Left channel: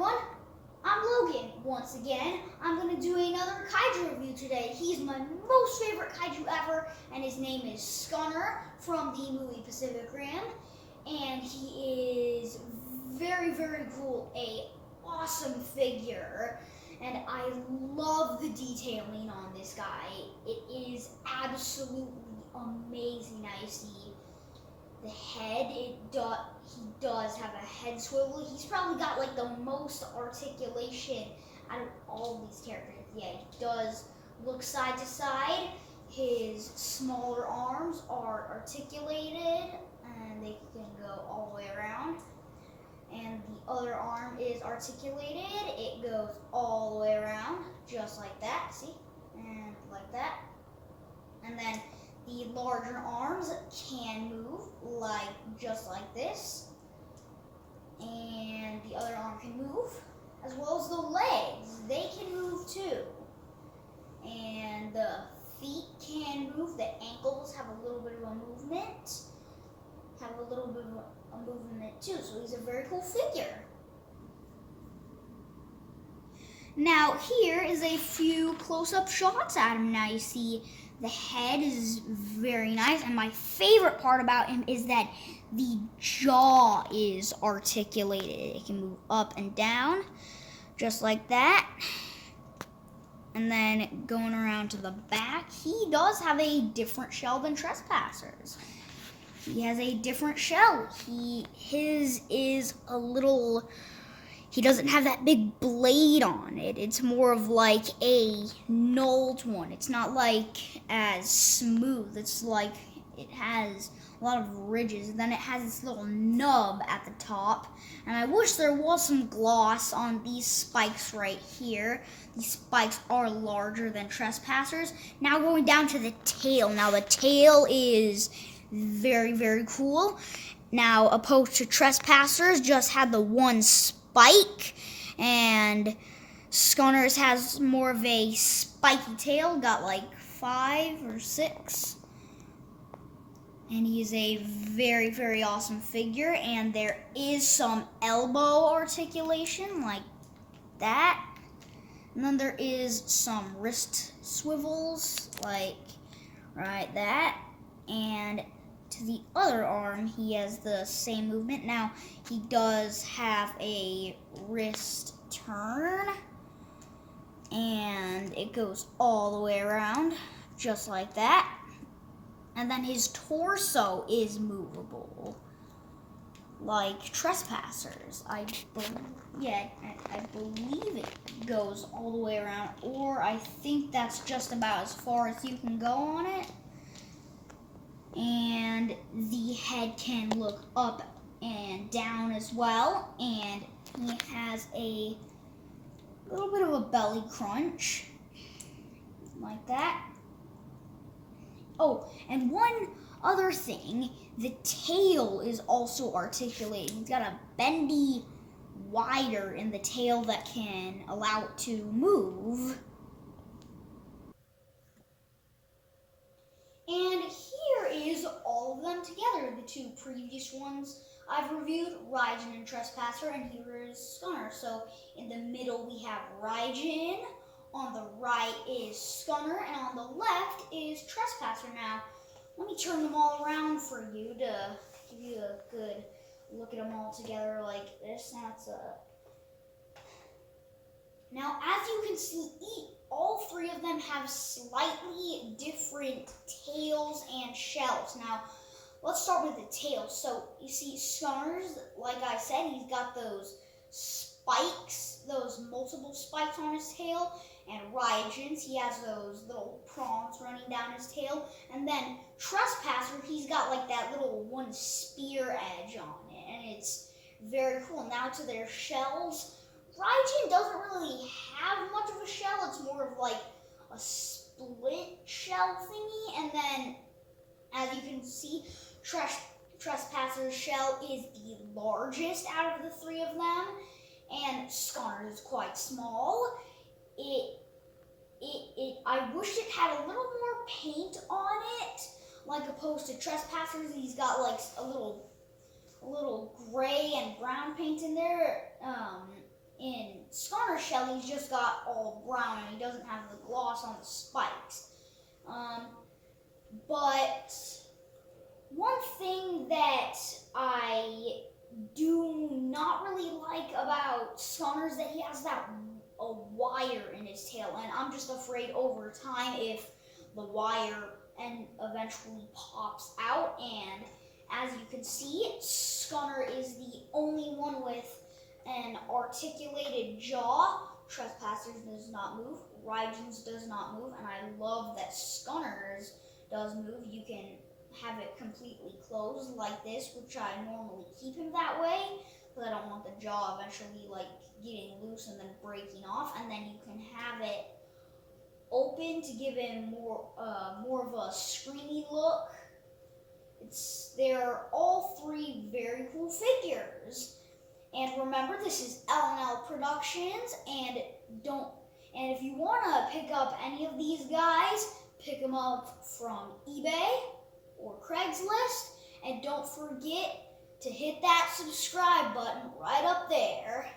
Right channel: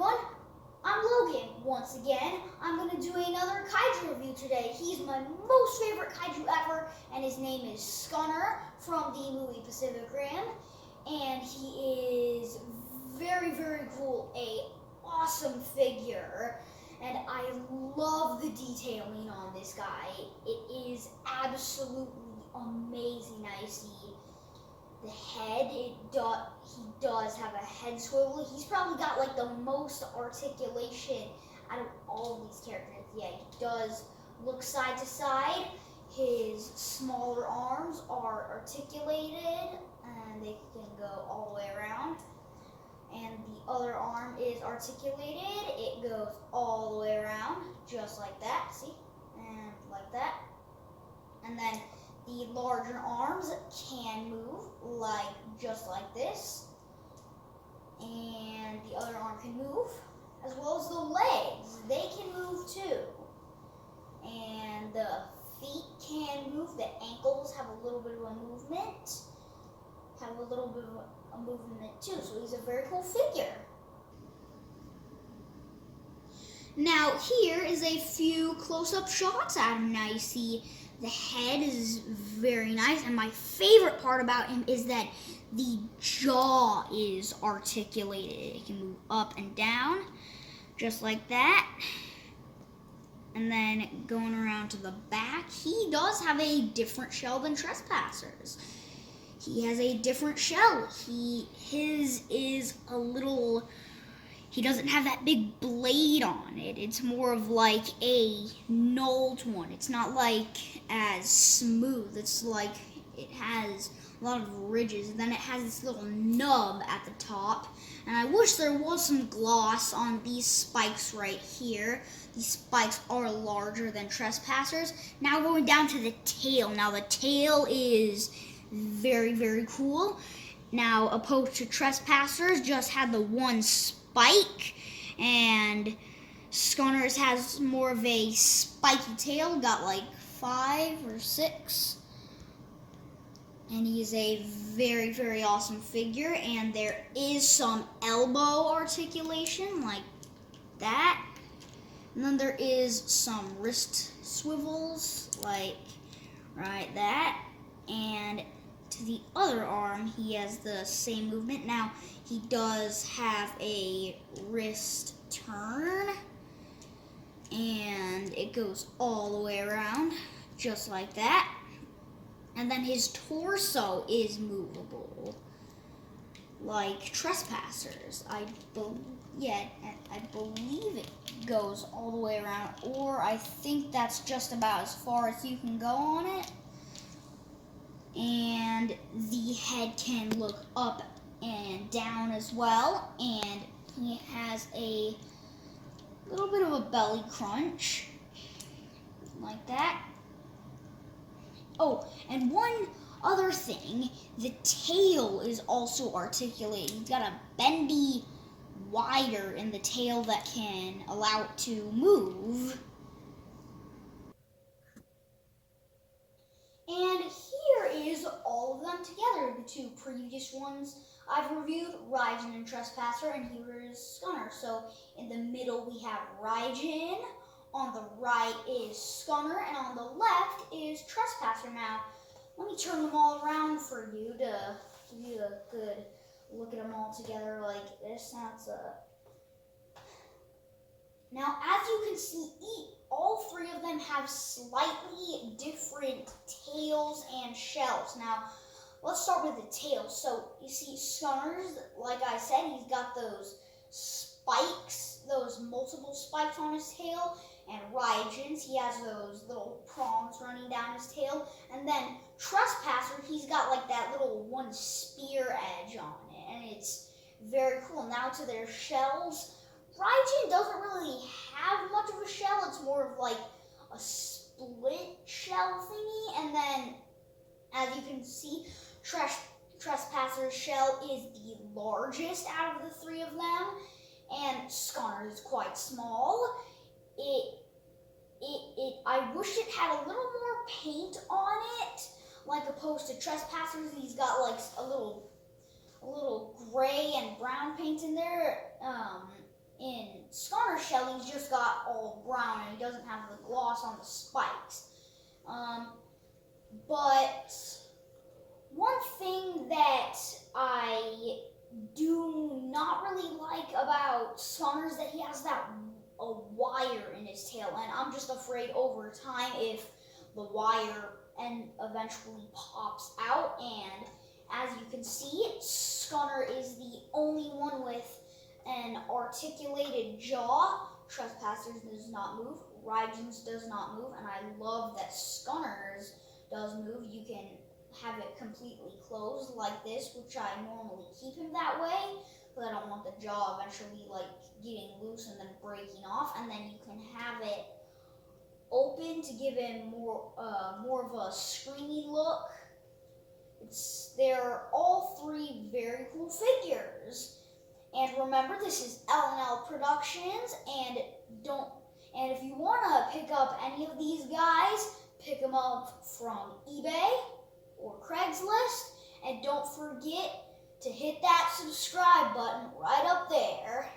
everyone, I'm Logan. Once again, I'm going to do another Kaiju review today. He's my most favorite Kaiju ever, and his name is Scunner from the movie Pacific Rim. And he is very, very cool, a awesome figure. And I love the detailing on this guy. It is absolutely amazing. Now you see the head, he does have a head swivel. He's probably got like the most articulation out of all of these characters. Yeah, he does look side to side. His smaller arms are articulated and they can go all the way around. And the other arm is articulated. It goes all the way around, just like that, see? And like that. And then the larger arms can move, just like this. And the other arm can move, as well as the legs. They can move too. And the feet can move. The ankles have a little bit of a movement. Have a little bit of a movement too. So he's a very cool figure. Now here is a few close-up shots at him. Now you see the head is very nice, and my favorite part about him is that the jaw is articulated. It can move up and down, just like that. And then going around to the back, he does have a different shell than Trespassers. He has a different shell. His is a little... He doesn't have that big blade on it. It's more of like a knolled one. It's not like as smooth. It's like it has a lot of ridges. Then it has this little nub at the top. And I wish there was some gloss on these spikes right here. These spikes are larger than Trespassers. Now going down to the tail. Now the tail is very, very cool. Now opposed to Trespassers, just had the one spike, and Scunner's has more of a spiky tail, got like 5 or 6. And he's a very, very awesome figure, and there is some elbow articulation like that. And then there is some wrist swivels like right that. And to the other arm, he has the same movement. Now, he does have a wrist turn, and it goes all the way around, just like that. And then his torso is movable, like Trespassers. I believe it goes all the way around, or I think that's just about as far as you can go on it. And the head can look up and down as well, and he has a little bit of a belly crunch like that. Oh, and one other thing, the tail is also articulated. He's got a bendy wire in the tail that can allow it to move. And here is all of them together, the two previous ones I've reviewed, Raijin and Trespasser, and here is Scunner. So in the middle we have Raijin, on the right is Scunner, and on the left is Trespasser. Now, let me turn them all around for you to give you a good look at them all together like this. Now, as you can see, all three of them have slightly different tails and shells. Now, let's start with the tails. So, you see, Scunner's, like I said, he's got those spikes, those multiple spikes on his tail. And Raijin's, he has those little prongs running down his tail. And then Trespasser, he's got like that little one spear edge on it. And it's very cool. Now to their shells. Raijin doesn't really have much of a shell. It's more of like a split shell thingy. And then, as you can see, Trespasser's shell is the largest out of the three of them. And Scunner is quite small. I wish it had a little more paint on it, like opposed to Trespassers. He's got like a little gray and brown paint in there. in Scunner's shell, he's just got all brown and he doesn't have the gloss on the spikes. But one thing that I do not really like about Scunner is that he has a wire in his tail, and I'm just afraid over time if the wire eventually pops out. And as you can see, Scunner is the only one with an articulated jaw. Trespassers does not move, Raiju's does not move, and I love that Scunner's does move. You can have it completely closed like this, which I normally keep him that way, because I don't want the jaw eventually like getting loose and then breaking off. And then you can have it open to give him more of a screamy look. They're all three very cool figures. And remember, this is L&L Productions, and if you want to pick up any of these guys, pick them up from eBay or Craigslist, and don't forget to hit that subscribe button right up there.